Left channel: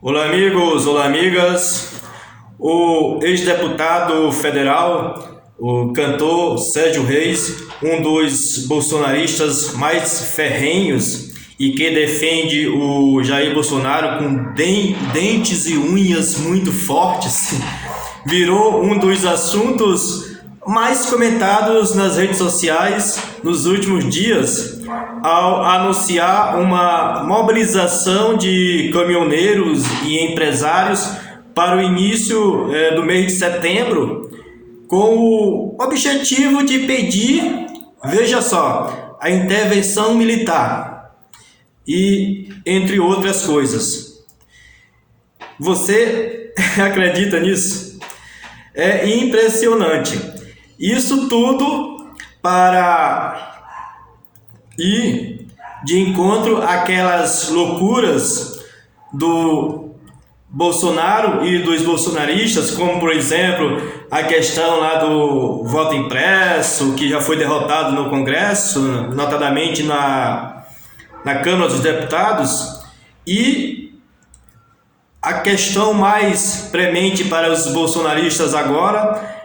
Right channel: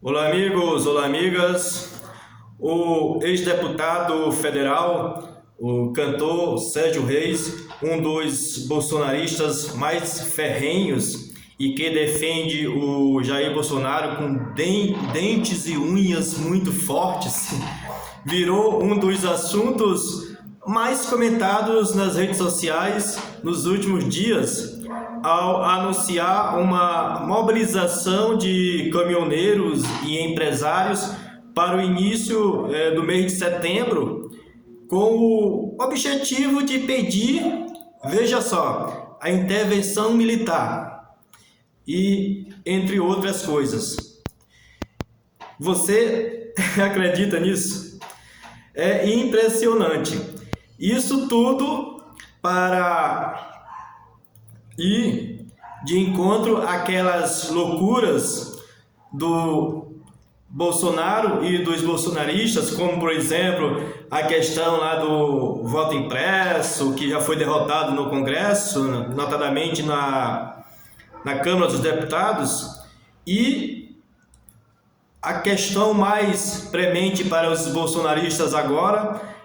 Olá, amigos, olá, amigas. O ex-deputado federal, o cantor Sérgio Reis, um dos bolsonaristas mais ferrenhos e que defende o Jair Bolsonaro com dentes e unhas muito fortes, virou um dos assuntos mais comentados nas redes sociais nos últimos dias, ao anunciar uma mobilização de caminhoneiros e empresários para o início do mês de setembro, com o objetivo de pedir, veja só, a intervenção militar e entre outras coisas. Você acredita nisso? É impressionante. Isso tudo para ir de encontro àquelas loucuras do Bolsonaro e dos bolsonaristas, como por exemplo a questão lá do voto impresso, que já foi derrotado no Congresso, notadamente na Câmara dos Deputados, e a questão mais premente para os bolsonaristas agora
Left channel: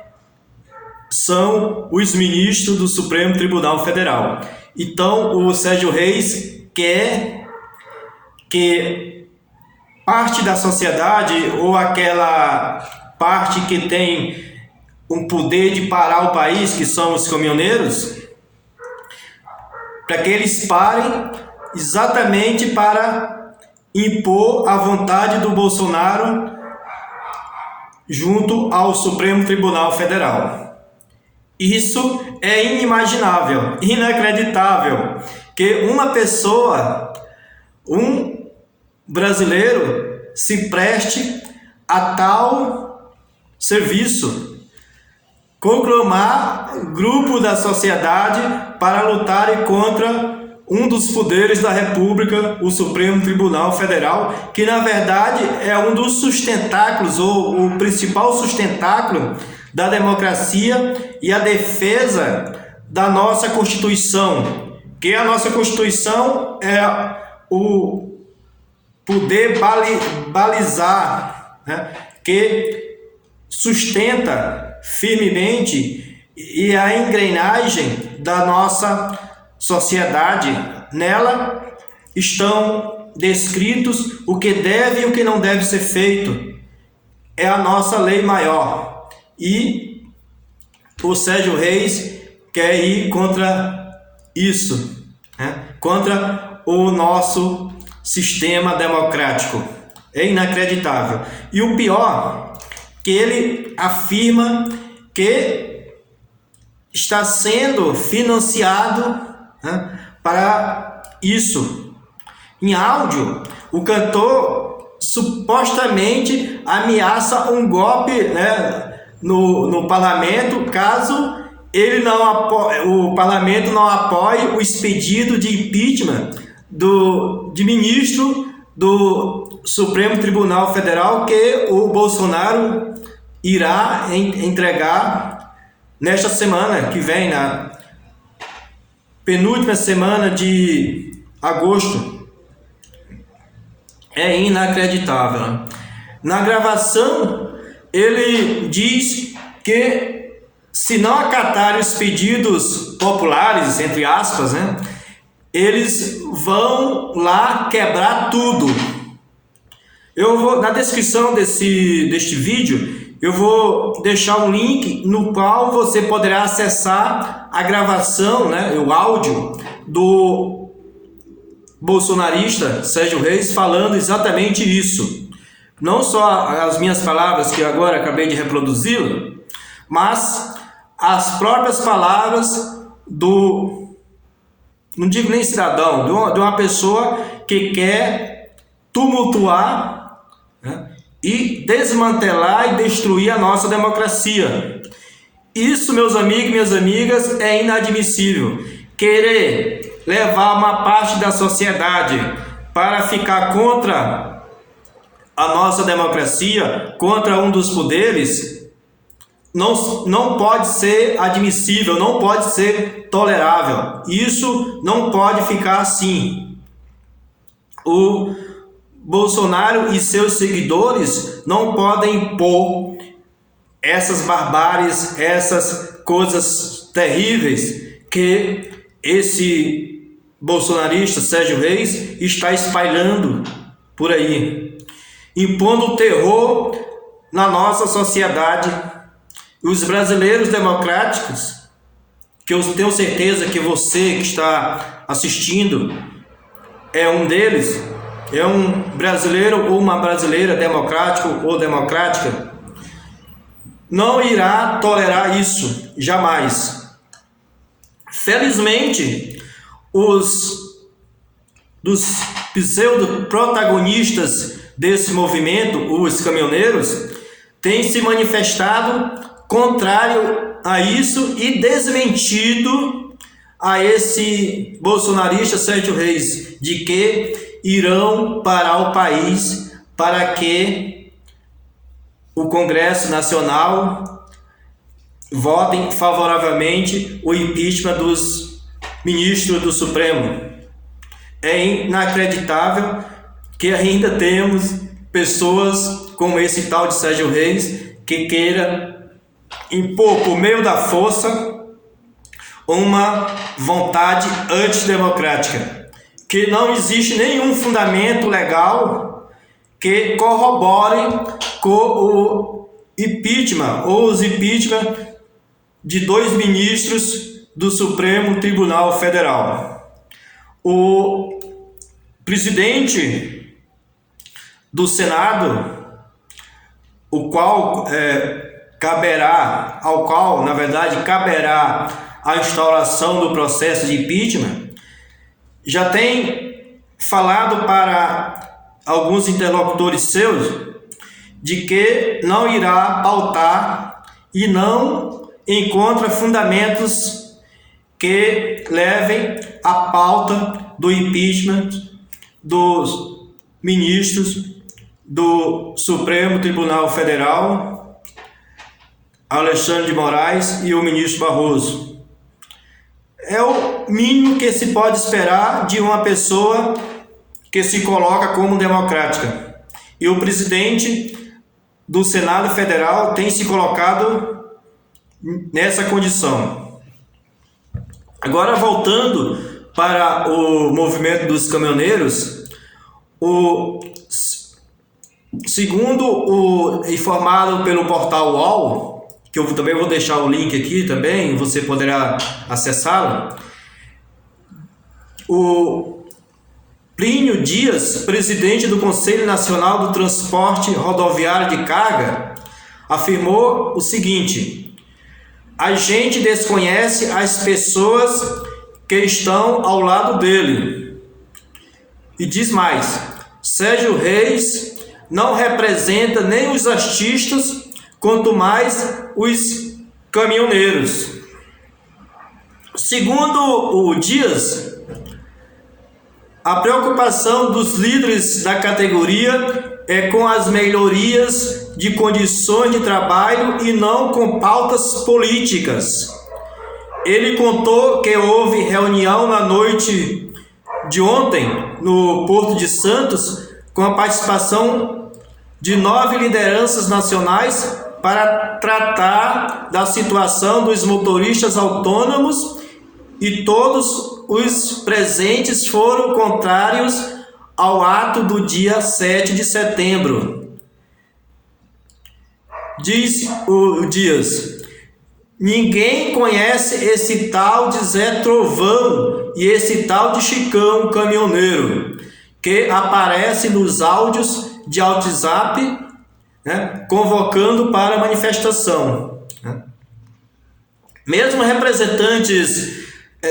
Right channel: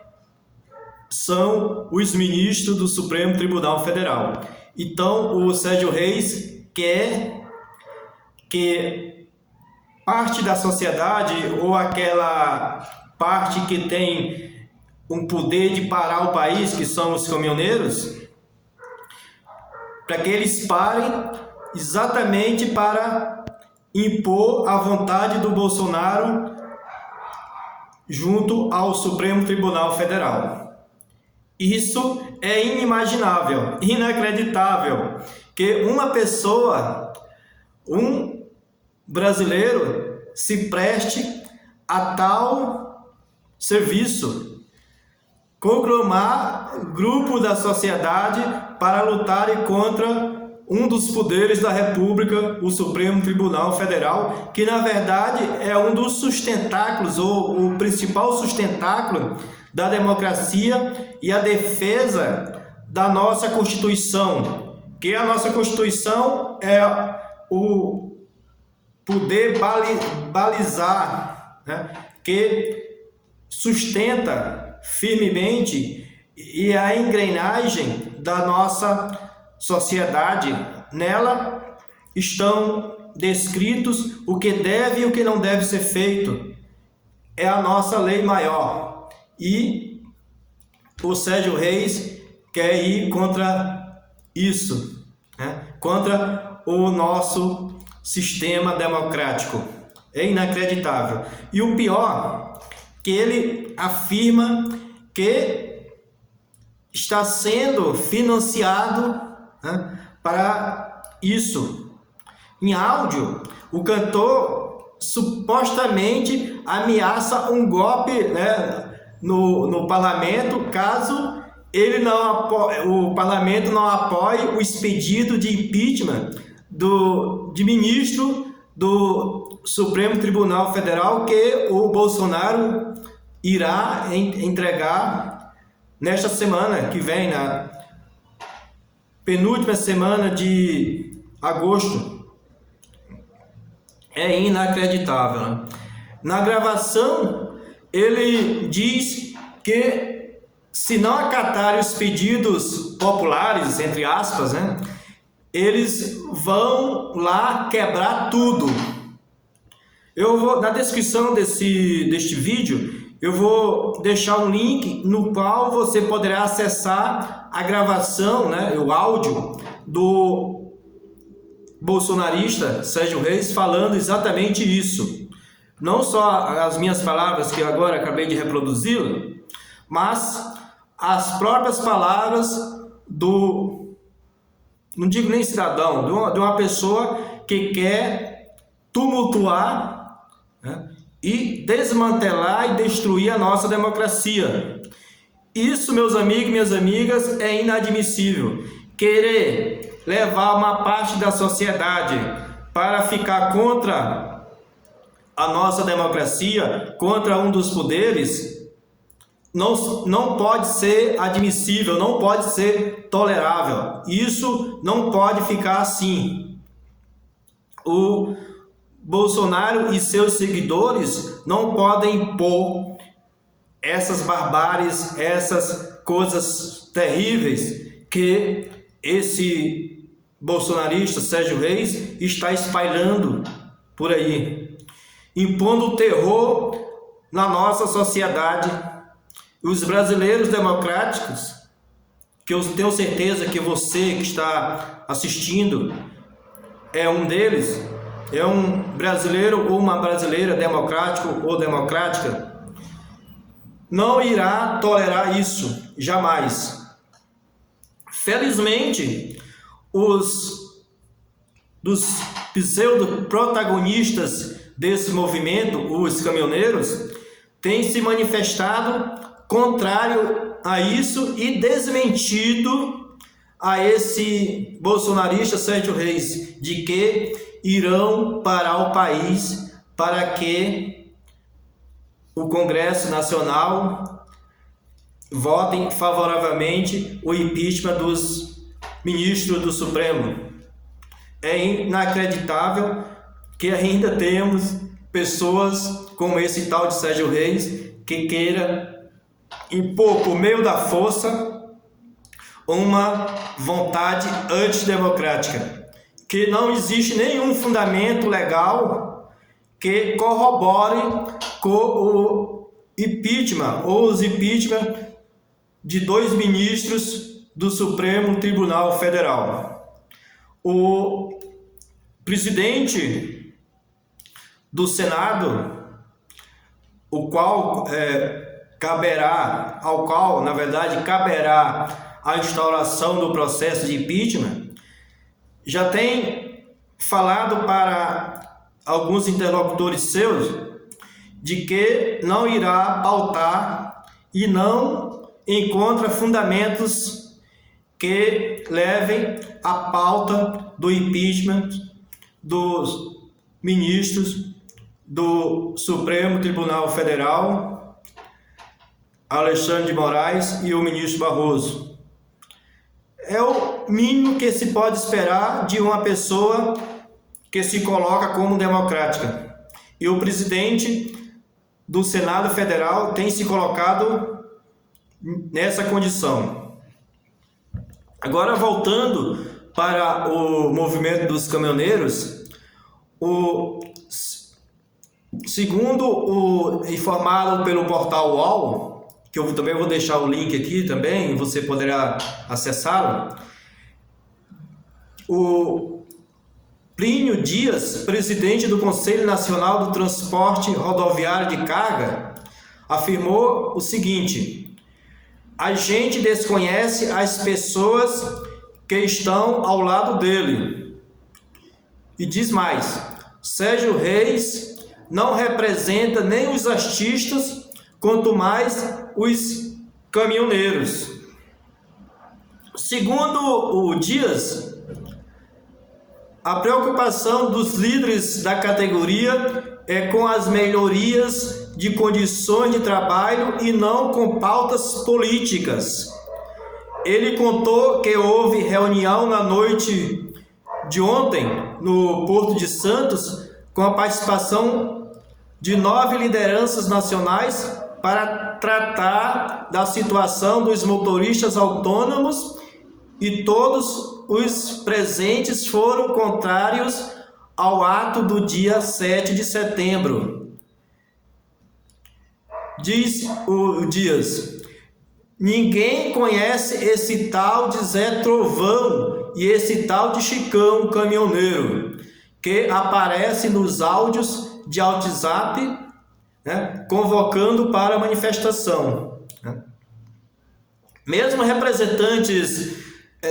são os ministros do Supremo Tribunal Federal. Então, o Sérgio Reis quer que parte da sociedade, ou aquela parte que tem um poder de parar o país, que são os caminhoneiros, para que eles parem exatamente para impor a vontade do Bolsonaro junto ao Supremo Tribunal Federal. Isso é inimaginável, inacreditável, que uma pessoa, um brasileiro, se preste a tal serviço, conclamar grupo da sociedade para lutar contra um dos poderes da República, o Supremo Tribunal Federal, que na verdade é um dos sustentáculos, ou o principal sustentáculo da democracia e a defesa da nossa Constituição, que a nossa Constituição é o poder balizar, né, que sustenta firmemente e a engrenagem da nossa sociedade. Nela estão descritos o que deve e o que não deve ser feito. É a nossa lei maior. E o Sérgio Reis quer ir contra isso, né? Contra o nosso sistema democrático. É inacreditável. E o pior, que ele afirma que está sendo financiado, né, para isso. Em áudio, o cantor supostamente ameaça um golpe, né, no parlamento, caso ele o parlamento não apoie o expedido de impeachment de ministro do Supremo Tribunal Federal, que o Bolsonaro irá entregar nesta semana que vem, na penúltima semana de agosto. É inacreditável, né? Na gravação, ele diz que se não acatarem os pedidos populares, entre aspas, né, eles vão lá quebrar tudo. Eu vou, na descrição deste vídeo, eu vou deixar um link no qual você poderá acessar a gravação, né, o áudio do bolsonarista Sérgio Reis falando exatamente isso. Não só as minhas palavras, que agora acabei de reproduzir, mas as próprias palavras não digo nem cidadão, de uma pessoa que quer tumultuar, né, e desmantelar e destruir a nossa democracia. Isso, meus amigos e minhas amigas, é inadmissível. Querer levar uma parte da sociedade para ficar contra a nossa democracia, contra um dos poderes, não pode ser admissível, não pode ser tolerável. Isso não pode ficar assim. O Bolsonaro e seus seguidores não podem impor essas barbáries, essas coisas terríveis que esse bolsonarista Sérgio Reis está espalhando por aí, impondo terror na nossa sociedade. Os brasileiros democráticos, que eu tenho certeza que você que está assistindo é um deles, é um brasileiro ou uma brasileira democrático ou democrática, não irá tolerar isso, jamais. Felizmente, dos pseudo-protagonistas desse movimento, os caminhoneiros, têm se manifestado contrário a isso e desmentido a esse bolsonarista Sérgio Reis, de que irão parar o país para que o Congresso Nacional votem favoravelmente o impeachment dos ministros do Supremo. É inacreditável que ainda temos pessoas como esse tal de Sérgio Reis que queira impor por meio da força uma vontade antidemocrática, que não existe nenhum fundamento legal que corrobore com o impeachment ou os impeachment de 2 ministros do Supremo Tribunal Federal. O presidente do Senado, ao qual caberá a instauração do processo de impeachment, já tem falado para alguns interlocutores seus de que não irá pautar e não encontra fundamentos que levem à pauta do impeachment dos ministros do Supremo Tribunal Federal, Alexandre de Moraes e o ministro Barroso. É o mínimo que se pode esperar de uma pessoa que se coloca como democrática. E o presidente do Senado Federal tem se colocado nessa condição. Agora, voltando para o movimento dos caminhoneiros, segundo o informado pelo portal UOL, que eu também vou deixar o link aqui também, você poderá acessá-lo, o Plínio Dias, presidente do Conselho Nacional do Transporte Rodoviário de Carga, afirmou o seguinte: a gente desconhece as pessoas que estão ao lado dele. E diz mais: Sérgio Reis não representa nem os artistas, quanto mais os caminhoneiros. Segundo o Dias, a preocupação dos líderes da categoria é com as melhorias de condições de trabalho e não com pautas políticas. Ele contou que houve reunião na noite de ontem no Porto de Santos com a participação de 9 lideranças nacionais para tratar da situação dos motoristas autônomos, e todos os presentes foram contrários ao ato do dia 7 de setembro. Diz o Dias: ninguém conhece esse tal de Zé Trovão e esse tal de Chicão caminhoneiro, que aparece nos áudios de WhatsApp, convocando para a manifestação. Mesmo representantes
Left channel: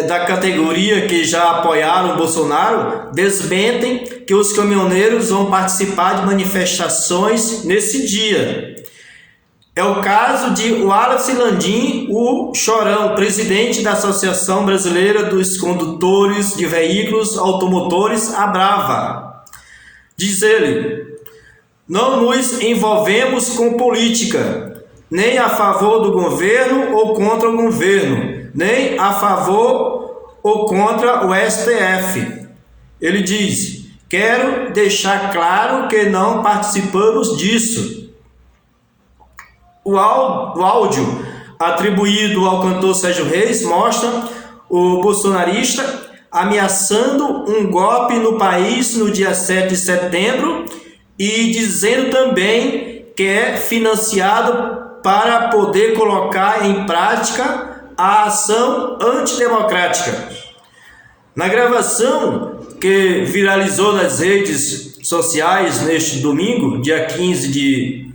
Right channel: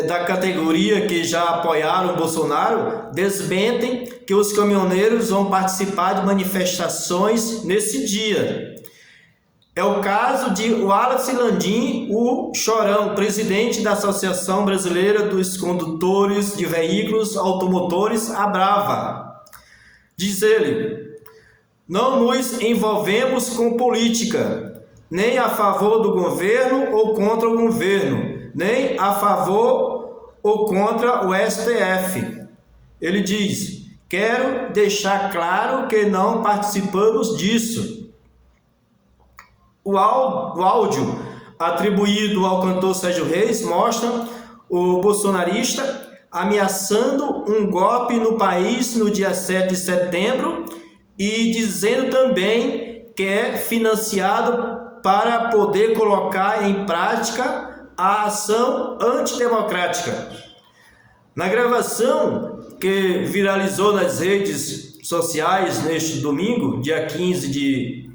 da categoria que já apoiaram o Bolsonaro desmentem que os caminhoneiros vão participar de manifestações nesse dia. É o caso de Wallace Landim, o Chorão, presidente da Associação Brasileira dos Condutores de Veículos Automotores, Abrava. Diz ele: não nos envolvemos com política, nem a favor do governo ou contra o governo, nem a favor ou contra o STF. Ele diz Quero deixar claro que não participamos disso. O áudio atribuído ao cantor Sérgio Reis mostra o bolsonarista ameaçando um golpe no país no dia 7 de setembro e dizendo também que é financiado para poder colocar em prática a ação antidemocrática. Na gravação que viralizou nas redes sociais neste domingo, dia 15 de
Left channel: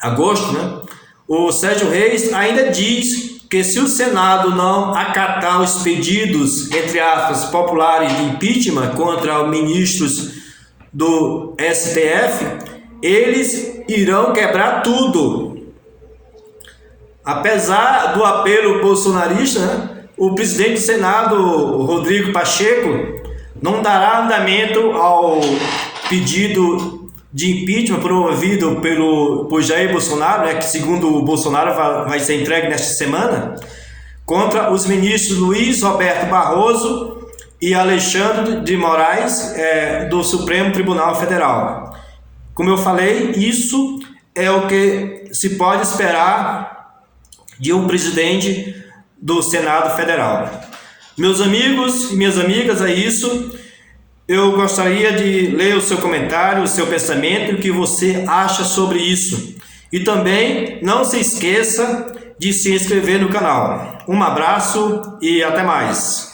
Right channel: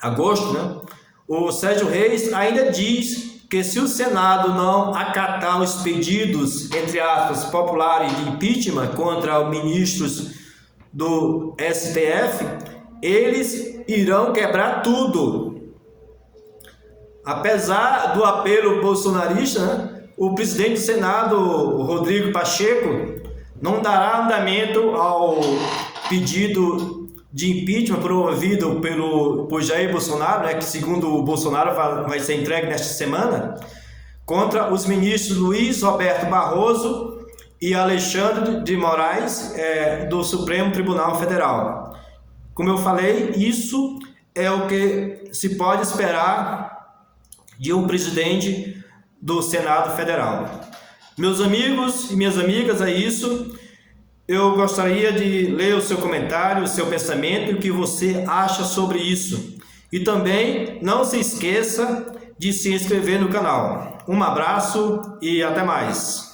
agosto, o Sérgio Reis ainda diz que se o Senado não acatar os pedidos, entre aspas, populares de impeachment contra os ministros do STF, eles irão quebrar tudo. Apesar do apelo bolsonarista, o presidente do Senado, Rodrigo Pacheco, não dará andamento ao pedido de impeachment promovido por Jair Bolsonaro, que segundo o Bolsonaro vai ser entregue nesta semana, contra os ministros Luiz Roberto Barroso e Alexandre de Moraes, do Supremo Tribunal Federal. Como eu falei, isso é o que se pode esperar de um presidente do Senado Federal. Meus amigos e minhas amigas, é isso. Eu gostaria de ler o seu comentário, o seu pensamento, o que você acha sobre isso. E também não se esqueça de se inscrever no canal. Um abraço e até mais.